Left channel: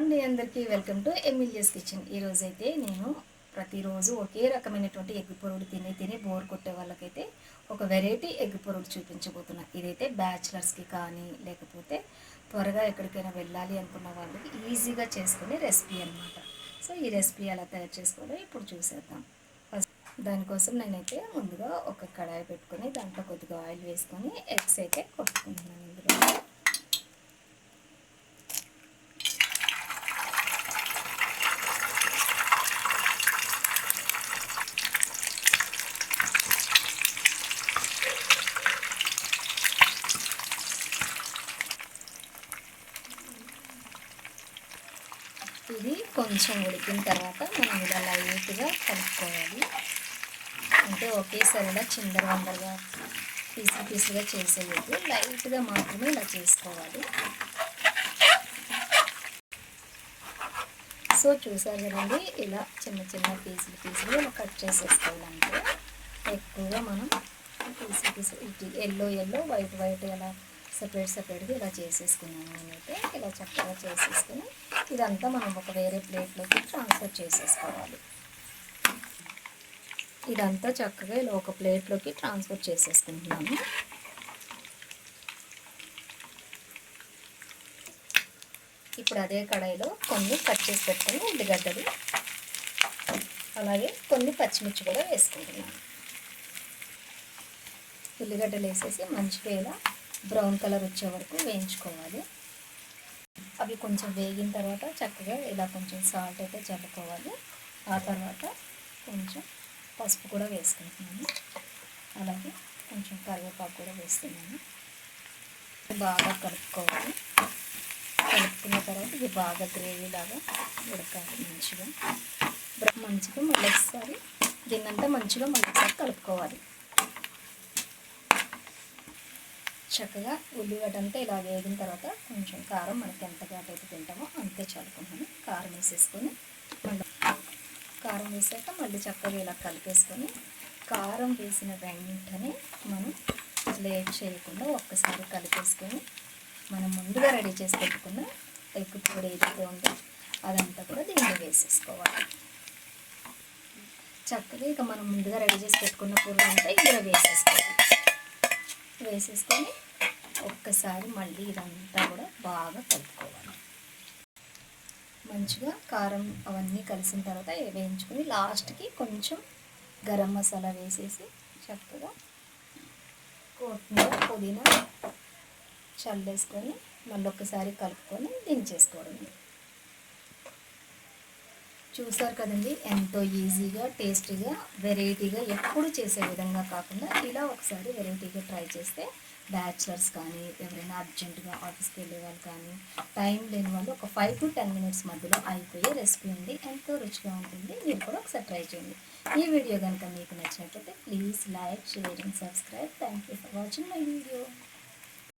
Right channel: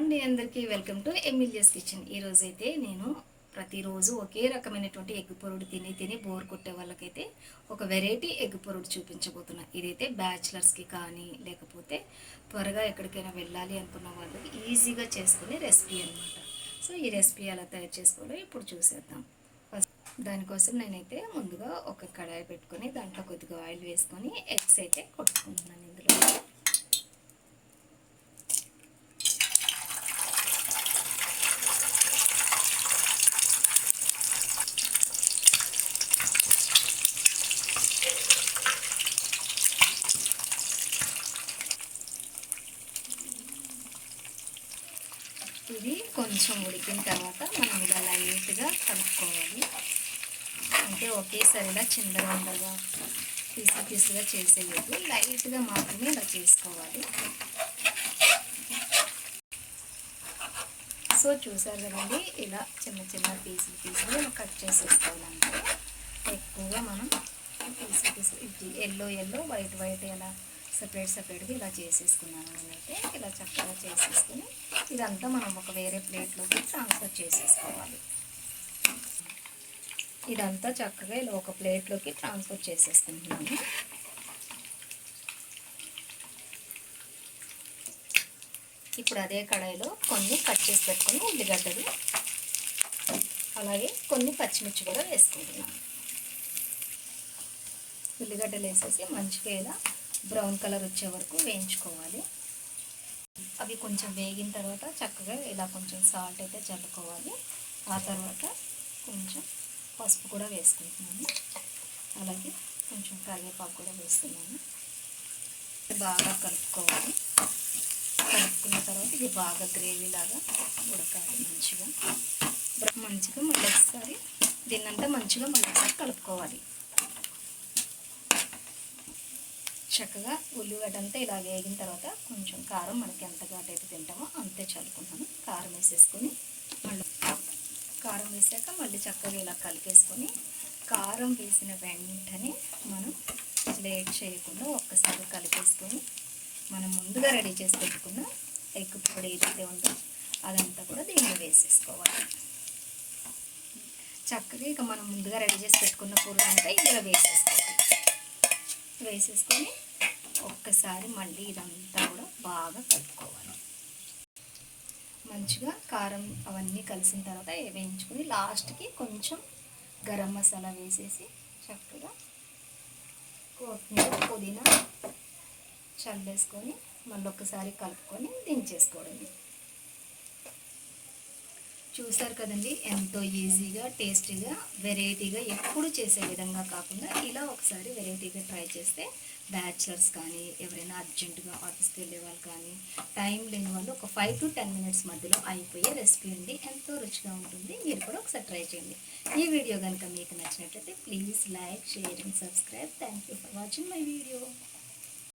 అండి అందరికీ welcome to ఎమిలియస్ kitchen. ఈరోజు అయితే నేను ప్రతిరోజు ఒకే రకమైనటువంటి ఎగ్ పొరుడు తిని బోర్ కొట్టే వాళ్ళకైతే ఒక వెరైటీ ఎగ్ పొరుడు చూపించబోతున్నా. ఇదైతే బ్యాచిలర్స్కి కానీ లేకపోతే త్వరగా ఎక్కడికైనా వెళ్ళాలి అనుకున్న వాళ్ళకి ఈజీగా చేసుకునే రెసిపీ అనమాట. సో ఈ రెసిపీ ఎలా తయారు చేసుకోవాలో ఇప్పుడు చూసేద్దాం. దానికోసం నేనైతే ముందుగా ఒక కడాయి పెట్టుకొని దాంట్లో కొద్దిగా ఆయిల్ వేసుకొని ఎగ్స్ అయితే కొట్టుకుంటున్నాను. ఇందులో ఇది కొంచెం ఉడికిన తర్వాత మనం ఇలా లైట్గా కలుపుకోవాలి. అంటే ఒకేసారిగా చిందరవందరగా పీసుగా చేసేది లైట్గా మాత్రమే ఇలా చేసుకోవాలి. సో చూసారు కదండి, ఇలా చిన్న చిన్న పీసులు ఇలా కట్ చేసేసుకోవాలంటే ఎక్కువగా మనం పీసులు ఎల్లో వైట్ ఎలా సెపరేట్గా ఇలా చేసేసుకున్నాను. నేనైతే ఇలా చక్కగా చేసేసుకుని ఇదంతా మనం ఒక వేరే ప్లేట్లోకి ట్రాన్స్ఫర్ చేసేసుకోవాలి. ఇదంతా చక్కగా ఇలా ఒక ప్లేట్లోకి ట్రాన్స్ఫర్ చేసేసుకుంటున్నాను. ఇప్పుడు అదే కడాయిలో కొన్ని కట్ చేసి పెట్టుకొని ఉల్లిగడ్డలు అలాగే కొన్ని పచ్చిమిర్చి కూడా వేసుకుంటున్నాను. ఉల్లిగడ్డలు వేసేసి మంచిగా ఇలా బ్రౌన్ కలర్ వచ్చే వరకు వేయించుకోవాలి. అవి కొంచెం వేగిన తర్వాత చక్కగా ఇలా కొంచెం సాల్ట్ అయితే చల్లుకోవాలి. ఆ తర్వాత కొంచెం పసుపు కూడా వేసుకుంటున్నాను. అలాగే కొంచెం కరివేపాకు కూడా వేస్తున్నాను. బాగా కలుపుకోవాలి. కలుపుకున్న తర్వాత ఇది బాగా గ్రేవీ లాగా ఉడకాలి. మంచిగా మళ్ళీ ఒకసారి దీన్నంతా మంచిగా కలుపుకోవాలి. చక్కగా ఉల్లిగడ్డ అంతా ఇలా వేగిన తర్వాత కొంచెం కారం మనకి ఎంత ఘాటైతే తింటామో అంతే చల్లుకుంటాను. కారం వేసేసుకొని మళ్ళీ కారం వేసాక మళ్ళీ చక్కగా ఇలా కలిపేసుకొని కారం వేసిన వెంటనే మనం లేట్ చేయకుండా ఒక్కసారి కలిపేసుకొని మనం ముందుగా రెడీ చేసి పెట్టుకున్న ఎగ్ పొడి ఏదైతే ఉందో అదంతా కూడా దీన్ని వేసేసుకోవాలి. చక్కగా ఇక మనం ముందుగా రెడీ చేసి పెట్టుకున్న పొడి అంతా ఇందులో వేసేసుకొని ఒక్కసారి మళ్ళీ ఇదంతా కూడా బాగా కలుపుకోవాలి. మంచిగా కారం అవన్నీ కలిసిన తర్వాత వేయించుకొని లాస్ట్కి కొంచెం గరం మసాలా వేసేసి చక్కగా కొత్తిమీర పుదీనా చల్లేసుకొని మళ్ళీ ఒక్కసారి కలుపుకొని దించేసుకోవడం. చూసారు కదండి, ఎంతో ఈజీగా టేస్టీగా వెరైటీగా ఎప్పుడు చేసే విధంగా కాకుండా ఇలా ఒకసారి వెరైటీగా ట్రై చేస్తే బ్యాచిలర్స్ కానీ ఎవరైనా అర్జెంటుగా ఆఫీస్కి వెళ్ళే వాళ్ళు కానీ టైం లేని వాళ్ళు ఒక 5 to 10 minutes మధ్యలో అయిపోయే రెసిపీ ఉంది. ఎంతో రుచిగా ఉంటుంది. మీరు కూడా ఒకసారి ట్రై చేయండి. ఈ వీడియో కనుక మీకు నచ్చినట్లయితే please like, share and subscribe. Thank you for watching my video.